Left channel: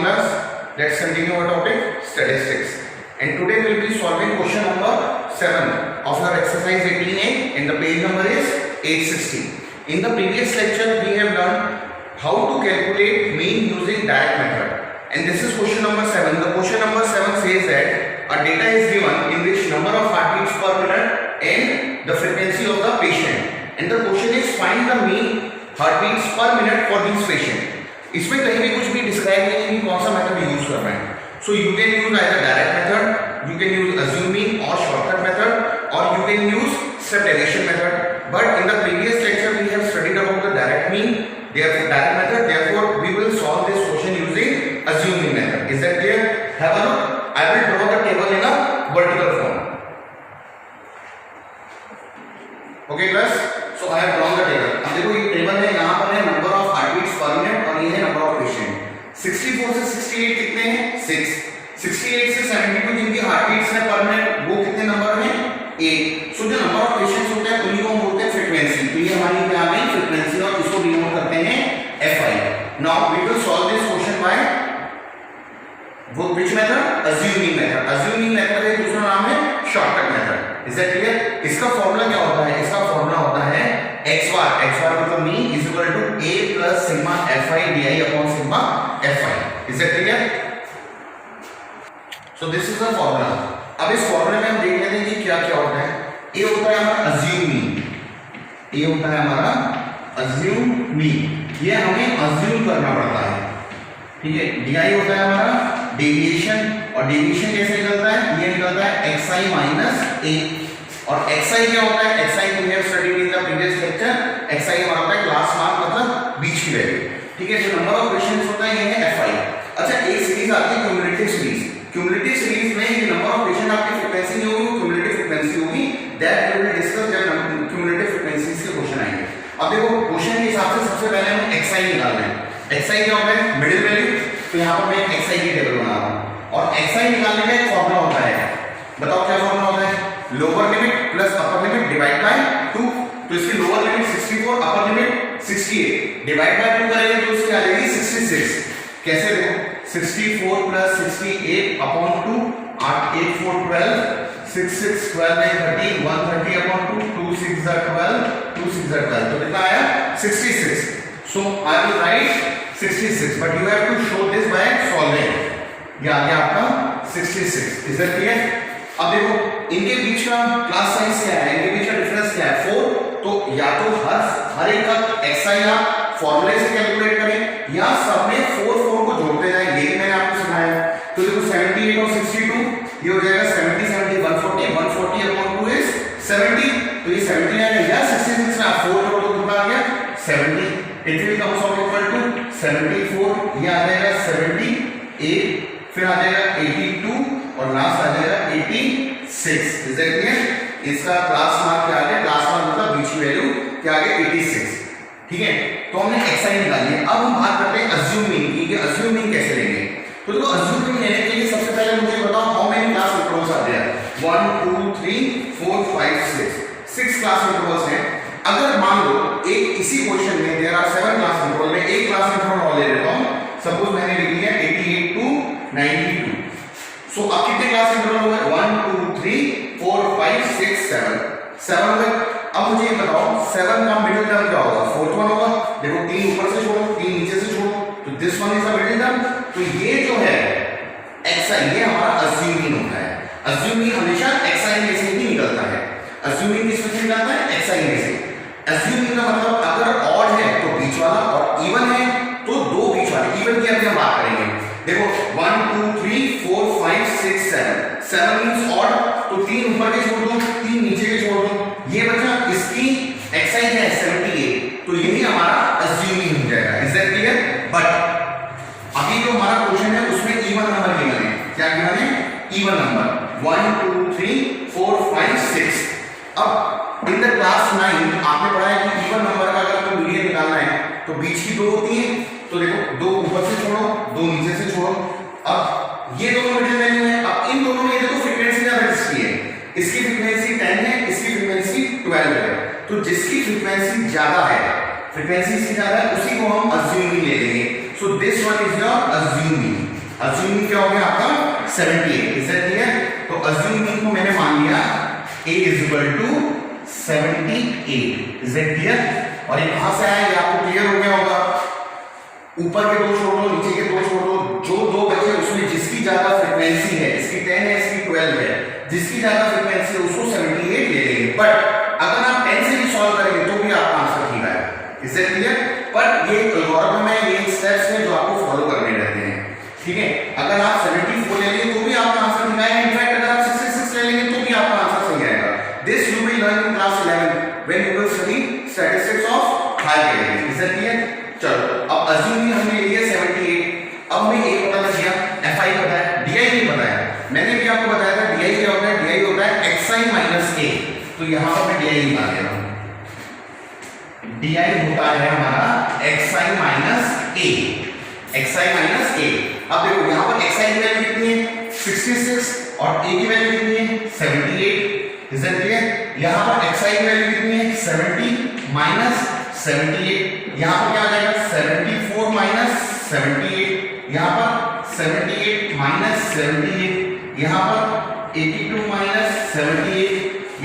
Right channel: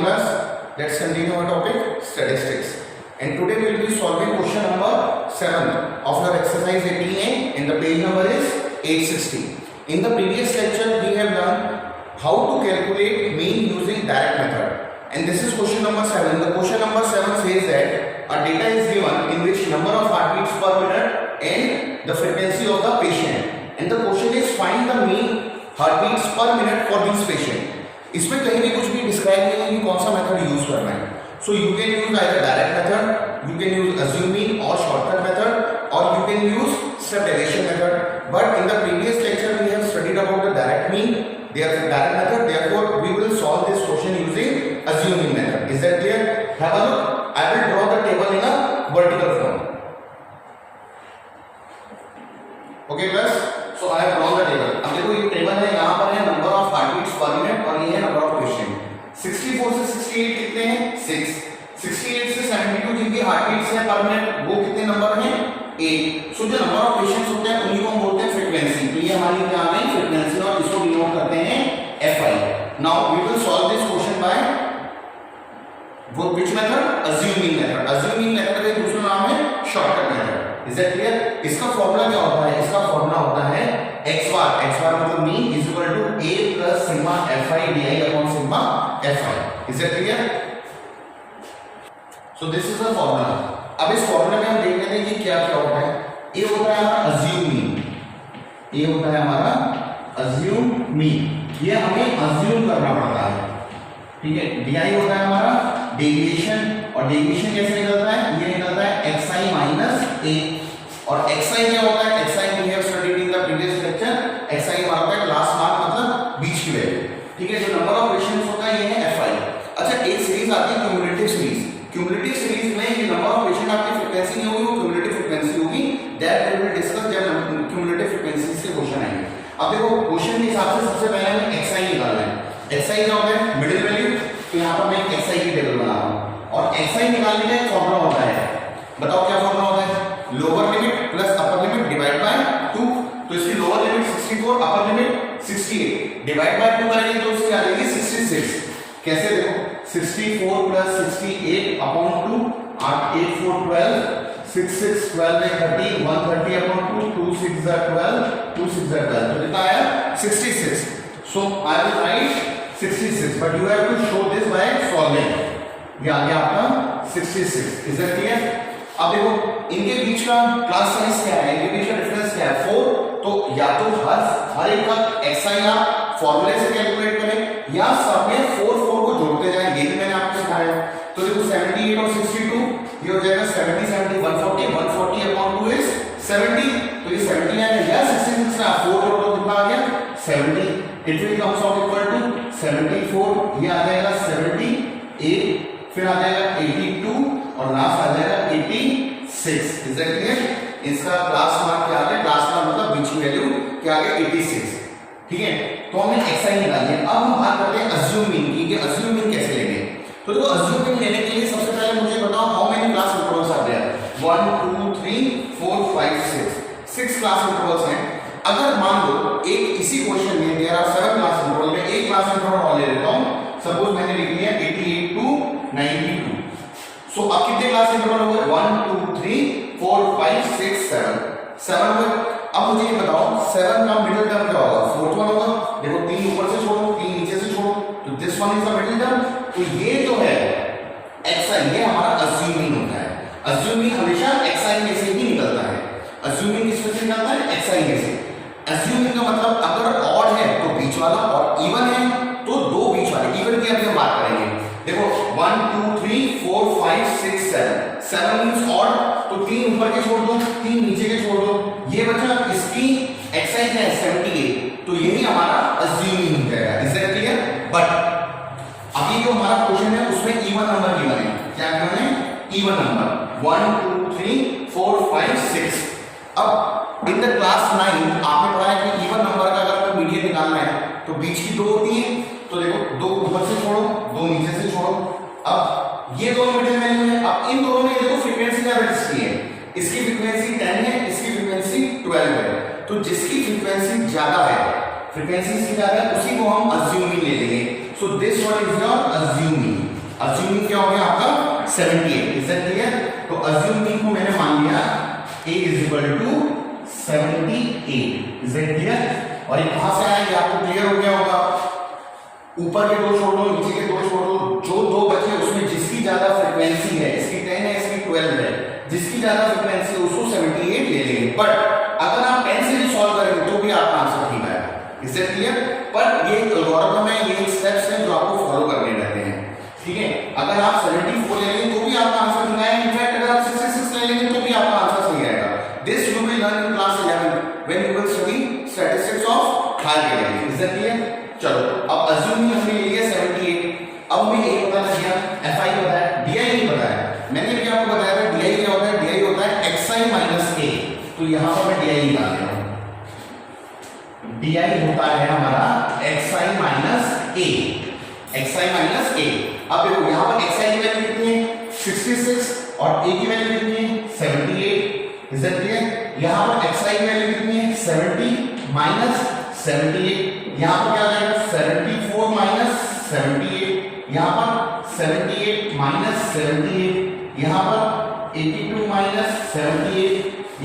morning class. Let's continue our topic statistics. And today we will be solving question number 7 of our exercise 18A and the page number is 860. In the previous lecture we have learned how to calculate mean using direct method. And this is question number 7. The question number 7 says that a data is given in which number of heartbeats per minute and the frequency of the patient. And the question is find the mean heartbeats per minute for this patient. इसमें कहीं भी कुछ भी describe नहीं है कि कौन सा मेथड यूज करना है. So you can use either direct method, you can use assuming और शॉर्टकट मेथड, और you can use step deviation method. But in the previous lecture we have studied about the direct mean, direct method. Therefore we will solve this question using assuming method. Is that clear? Have a look. I will draw the table in a vertical form. Okay class, so I have drawn the table. अब देखो ये table है, यहाँ पर है number of heartbeats पर minute और ये है नंबर ऑफ पेशेंट. 64 से 68 कितने हैं? 6. 68 से 72 जिनकी हार्टबीट्स है पर मिनट वो कितने नंबर में? 8. सो जो नंबर ऑफ पेशेंट्स होते हैं उन्हीं को हम बोलते हैं फ्रीक्वेंसी. तो ये हमारी क्या आ गई? फ्रीक्वेंसी, और इसको डिनोट करते हैं Fi. Now we will solve this question by which method? Assuming method. Assuming method का दूसरा नाम है shortcut method. Is that clear? इसका फॉर्मूला क्या होता है? इसका फॉर्मूला होता है x bar मतलब mean is equal to a plus sigma fi di upon sigma fi. Is that clear? So this is the formula. अब इस फॉर्मूले में हम देख लेते हैं कि क्या क्या होता है. a होता है हमारा अज्यूमिंग, a होता है हमारा अज्यूमिंग, ये हमें अज्यूम करना पड़ता है. ठीक है. di होता है हमारा डेविएशन, और डेविएशन कैसे निकलता है? ये निकलता है xi माइनस a. और xi क्या होता है? xi we have studied in the previous lecture. xi हमारा होता है क्लास मार्क मतलब बीच की वैल्यू. ठीक है. जो नंबर ऑफ पेशेंट्स होता है ये है fi. अच्छा, एक सीरीज आती है क्यूमुलेटिव सीरीज. क्यूमुलेटिव सीरीज में ये नंबर ऑफ पेशेंट आपकी फ्रीक्वेंसी नहीं होगी, क्यूमुलेटिव फ्रीक्वेंसी होगी. दैट वी विल डिस्कस जब क्यूमुलेटिव फ्रीक्वेंसीज के क्वेश्चन आएंगे. अब देखो क्वेश्चन के हिसाब से सबसे पहले हमें xi निकालना है. xi क्या होता है? Middle value. तो यहाँ पर मैं xi की टेबल बना रहा हूँ, और xi निकालने का एक फॉर्मूला होता है. बताओ क्या फॉर्मूला होता है? Lower limit plus upper limit divide by 2. तो इसकी lower limit 64, upper limit 68, divide by 2 करेंगे तो इसकी आ जाएगी 66. कैसे? देखो 64 प्लस 68 अपॉन 2, 8 8 4 12, 6 6 12 में 30, 130 अपॉन 2, 2 6 12, 2 6 12. तो कितना आया? 66. So I will write 66, but you have to show this by solving. ये आ गया आपका 66. Is that clear? अब देखो इनके बीच का क्लास साइज क्या है, इनके बीच का डिफरेंस क्या है? 4. तो या तो हर एक का xi आप फॉर्मूले से कैलकुलेट करें, या सब में 4 4 को जोड़ते जाएं. ये भी मैंने आपको सिखाया है. तो देखो 78 और 62 ये हो जाएगा 70 70 140, 140 अपॉन 2 इज 70. तो ये 70 आएगा या 66 ना 4 जोड़ो तो कितना आ गया? 70. It will comes out equal to 74. ये आ जाएगा 78, फिर आ जाएगा 82 और लास्ट आ जाएगा 86. Is that clear? इसका क्लास मार्क क्या आ गया? क्लास मार्क मतलब बीच की वैल्यू क्या आ गया? 86. ठीक है. तो हमने xi निकाल लिया. अब हम बात करते हैं अज्यूमिंग की, कि अज्यूमिंग कैसे लेंगे. तो देखो अज्यूमिंग लेने के लिए सबसे पहले मुझे बताओ हाउ मेनी क्लास इंटरवल्स आते हैं? 1 2 3 4 5 6 क्लास इंटरवल्स हैं. अगर मान लो एक इसी क्वेश्चन में देयर आर 7 क्लास इंटरवल में एक क्लास इंटरवल और ले लेता हूं. सपोज मैंने लिख लिया 88 टू 92. सो अब कितने क्लास इंटरवल हो गए? 1 2 3 4 5 6 7 हो गए. अब मुझे ये बताओ 7 का मिडिल टर्म क्या होगा? 4th वन होगा. देखो 3 ऊपर से छोड़ो, 3 नीचे से छोड़ो, तो this one is the middle term. तो ये जो है xi ये हमारा अज्यूमिंग होता है. अज्यूमिंग हमेशा xi में से ही निकलता है. अज्यूमिंग किस में से निकलता है? xi में से. अज्यूमिंग का मतलब अगर ऑड है तो बीच वाला, और इवन है तो दो बीच वाले. इवन की अभी हम बात करेंगे. देखो 1 2 3 4 5 6 7 मींस ऑड, तो 3 ऊपर के छोड़ दो, 3 नीचे के छोड़ दो. ये बचा इसकी xi है 78. तो यही हमारा अज्यूमिंग हो जाएगा. Is that clear? बट अभी जो हमारा क्वेश्चन है उसमें इवन नंबर गिवन है. क्या गिवन है? Even number 1 2 3 4 5 6. अब इन द क्लास 9 आपने पढ़ा है कि इवन नंबर का अगर कोई मीडियन निकालना है तो बीच की 2 होती है. तो देखो 2 ऊपर से छोड़ो, 2 नीचे से छोड़ो. अब ये दोनों मिडिल वैल्यू है. अब इन दोनों में ये देखो फ्रीक्वेंसी ज्यादा किसकी है? इसकी फ्रीक्वेंसी 10 है, इसकी फ्रीक्वेंसी 12 है. तो जिसकी फ्रीक्वेंसी ज्यादा है, फ्रीक्वेंसी से ज्यादा है, उसी को हम अज्यूमिंग ले लेंगे. So this one is your assuming. Assuming क्या हो गया आपका 78, इज दैट क्लियर? तो अज्यूमिंग को मैंने मान लिया a is equal to 78, is that clear? और ये कहां से आया, ये आपको क्लियर हो गया होगा। ऊपर के दो छोड़ दो, नीचे के दो छोड़ दो, जो दो बचे उसमें जिसकी ज्यादा फ्रीक्वेंसी है, इसकी 10 है, इसकी 12 है, जिसकी ज्यादा फ्रीक्वेंसी है उसको 78 ले लेंगे। बट अगर आप 10 से भी सॉल्व करेंगे तो भी आपका आंसर ठीक आएगा, इज दैट क्लियर? बट ये एल्गोरिथम है, ये स्टेप्स हैं जो आपको फॉलो करने रहते हैं, ठीक है? अगर आप 74 ले लेंगे तो भी आपका आंसर ठीक आएगा। इनफैक्ट अगर आप 66 ले लेंगे तो भी आपका आंसर सही आएगा। This you will learn in class 11 when you will study statistics of higher category, is that clear? चलो अब अज्यूमिंग हमने ले लिया 78, अब हमें ए पता लग गया, fi पता है, di नहीं पता है। मैंने भी आपको बताया था di क्या होता है, di होता है xi माइनस a, तो यहां पर मैं di निकाल रहा हूं। di होता है हमारा xi minus a, xi minus a। अब देखो यहां पर xi की वैल्यू कितनी है 66 और a की वैल्यू कितनी है 78, इज दैट क्लियर? यहां पर xi की वैल्यू कितनी है 70 माइनस 78, यहां पर क्या आ जाएगा 74 माइनस 78, यहां पर 78 माइनस 78, यहां पर 82 माइनस 78,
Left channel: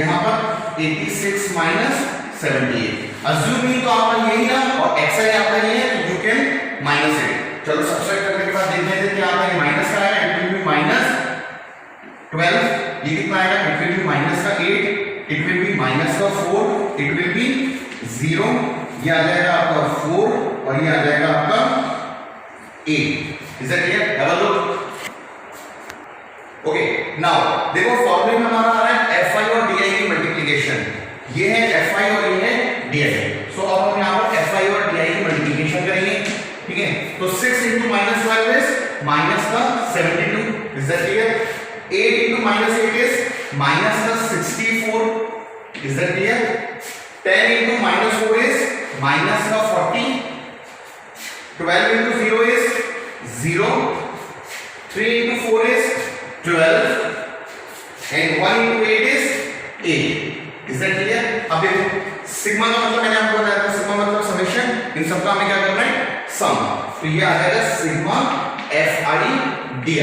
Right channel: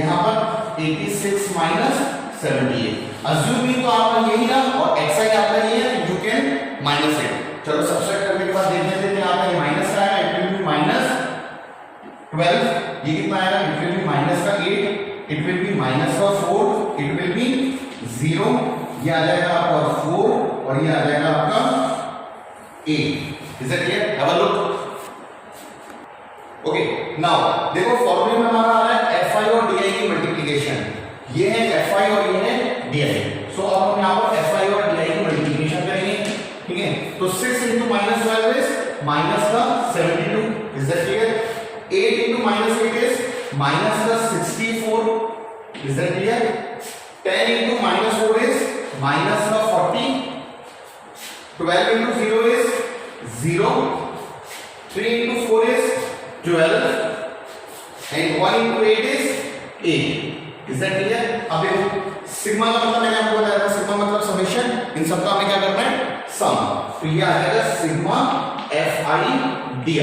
यहां पर 86 माइनस 78। अज्यूमिंग तो आपका यही ना और xi आपका ये है, यू कैन माइनस इट। चलो सब्सट्रैक्ट करने के बाद देख लेते हैं क्या आता है। माइनस का आएगा, इट विल बी माइनस 12, ये कितना आएगा, इट विल बी माइनस का 8, इट विल बी माइनस का 4, इट विल बी 0, ये आ जाएगा आपका 4 और ये आ जाएगा आपका 8, is that clear? Double look. Okay, now देखो फॉर्मूले में हमारा आ रहा है fi और di की मल्टीप्लिकेशन, ये है fi और ये है di। सो अब हम यहां पर fi और di की मल्टीप्लिकेशन करेंगे, ठीक है? तो 6 into minus 12 is minus का 72, is that clear? 8 into minus 8 is minus का 64, is that clear? 10 into minus 4 is minus का 40, 12 into 0 is 0, 3 into 4 is 12 and 1 into 8 is 8, is that clear? अब देखो सिग्मा का मतलब मैंने आपको बताया था, सिग्मा मतलब समेशन, इन सबका हमें क्या करना है सम, तो ये आ जाएगा सिग्मा fi di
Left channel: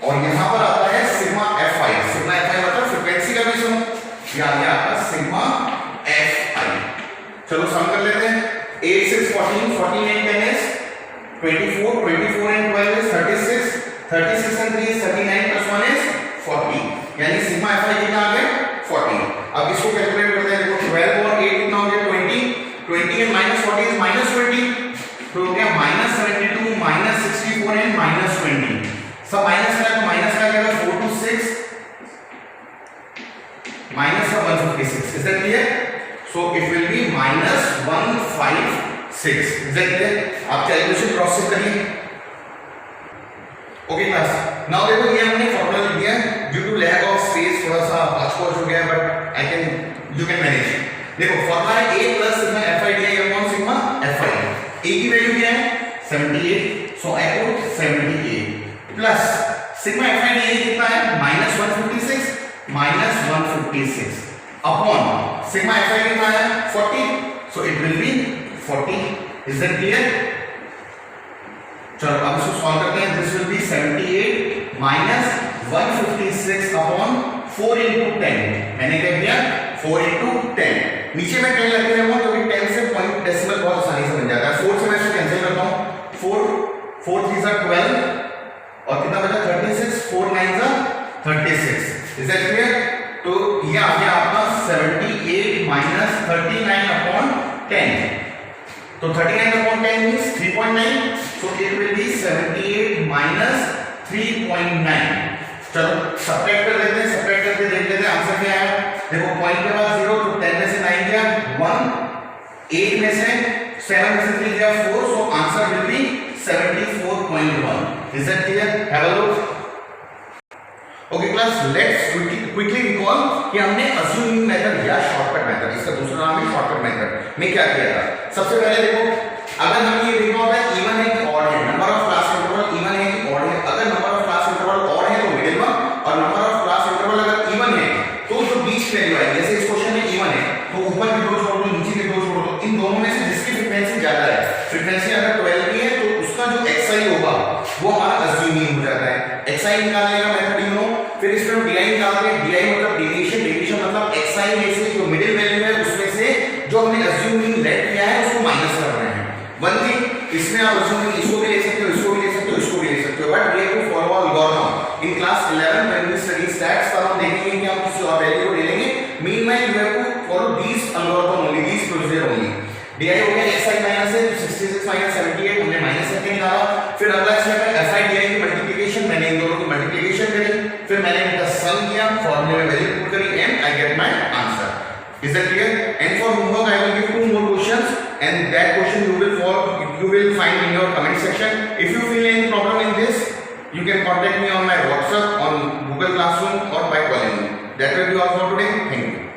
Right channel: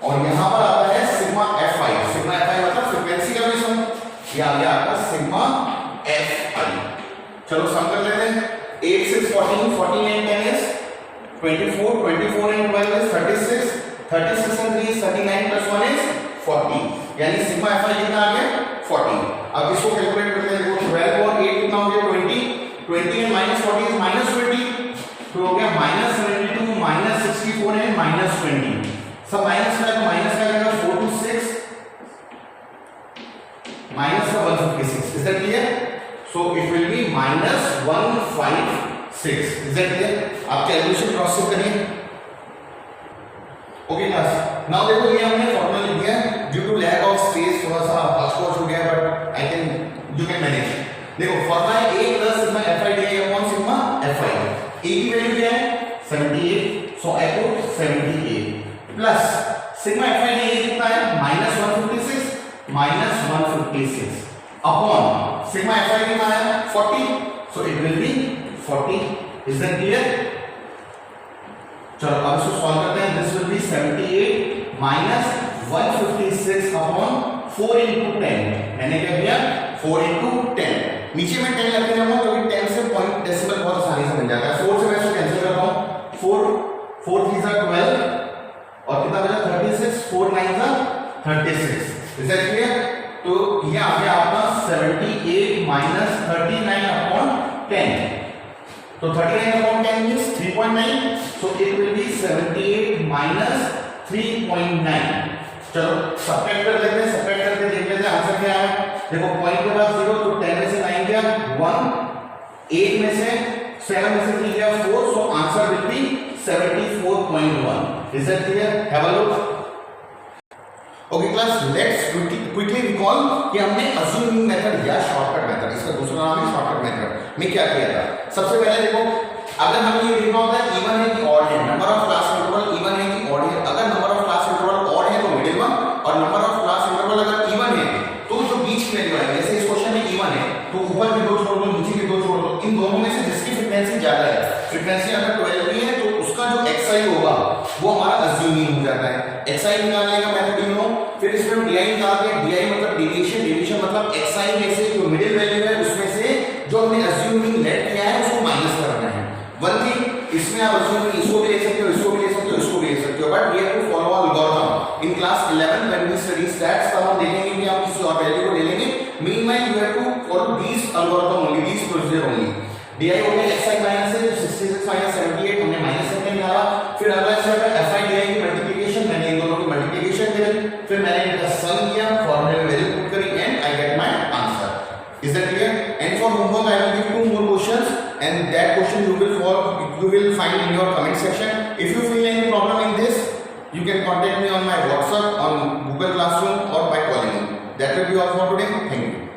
और यहां पर आता है सिग्मा fi, सिग्मा fi मतलब फ्रीक्वेंसी का भी सम, ये आ गया आपका सिग्मा fi। चलो सम कर लेते हैं। 8 6 14, 14 and 10 is 24, 24 and 12 is 36, 36 and 3 is 39 plus 1 is 40, यानी सिग्मा fi कितना आ गया 40। अब इसको कैलकुलेट करते हैं, देखो 12 और 8 कितना हो गया 20, 20 and minus 40 is minus 20, तो हो गया minus 72, minus 64 and minus 20, सब माइनस का है तो माइनस का क्या 4 to 6 minus का 156, is that clear? So it will be minus 156, is that clear? आप कैलकुलेशन क्रॉस चेक करिए। ओके क्लास, नाउ देखो ये हमने फॉर्मूला लिख दिया, due to lack of space थोड़ा सा हॉच हो गया, but I can you can manage. देखो फॉर्मूला है a plus sigma fi di upon sigma fi। a की वैल्यू क्या है 78, so I put 78 plus sigma fi di कितना है -156 -156 अपॉन सिग्मा fi कितना है 40, so it will be 40, is that clear? चलो अब इसको सॉल्व करते हैं। This will be 78 minus 156 upon 4 into 10, मैंने क्या किया 4 into 10, नीचे में 10 लगे रहूंगा तो 10 से पॉइंट डेसिमल बहुत आसानी से बन जाता है। 4 से मैं इसको कैंसिल करता हूं, 4 4 3 जा 12 और कितना बचा 36, 4 9 जा 36, इज दैट क्लियर? तो ये आ गया आपका 78 माइनस 39 अपॉन 10, तो 39 upon 10 means 3.9, so it will be 78 minus 3.9। चलो सब्ट्रैक्ट कर लेते हैं, सब्ट्रैक्ट करके देख लेते हैं आंसर क्या आया। देखो पॉइंट के बाद 0, तो 10 में से 9 गया 1, 8 में से 7 में से 3 गया 4, so answer will be 74.1, is that clear? have a look। Okay class, let's quickly recall कि हमने अज्यूमिंग मेथड या शॉर्टकट मेथड, इसका दूसरा नाम है शॉर्टकट मेथड, में क्या किया था। सबसे पहले देखो, अगर हमें ये देखना होता है इवन है कि ऑड है, number of class interval even है कि ऑड है। अगर number of class interval odd है तो मिडिल वन, और नंबर ऑफ क्लास इंटरवल अगर इवन है तो जो बीच की वैल्यू है, जैसे इस क्वेश्चन में इवन है तो ऊपर के दो छोड़ दो, नीचे के दो छोड़ दो, इन दोनों में से जिसकी फ्रीक्वेंसी ज्यादा है, फ्रीक्वेंसी अगर 12 की है तो उसका जो xi होगा वो हमारा अज्यूमिंग हो जाता है। xi निकालने का मेथड यू नो, फिर इसमें हम di निकालते हैं, di मतलब डेविएशन, डेविएशन मतलब xi में से जो मिडिल वैल्यू है उसमें से जो हमने अज्यूमिंग लेट किया है उसको माइनस कर रहे हैं। वन थिंग, इसमें आप अज्यूमिंग इसको भी ले सकते हो, इसको भी ले सकते हो, इसको भी ले सकते हो, but we have to follow algorithm. In class 11 when we study stats तब हम देखेंगे कि हम किसी और वैल्यू को ले लेंगे। Meanwhile you have to follow this algorithm only, this procedure only. di हो गया xi माइनस है, 66 माइनस 78 हमने माइनस करके निकाला। फिर अगला स्टेप है fi di की मल्टीप्लिकेशन, मैंने इन दोनों की मल्टीप्लिकेशन करी, फिर मैंने इनका सम किया, फॉर्मूले में वैल्यू पुट करी and I get my answer. Is that clear? And for homework, I will give 2 more questions, and that question you will find in your comment section. If you feel any problem in this, you can contact me on my WhatsApp, on Google Classroom, or by calling me. That will be all for today. Thank you.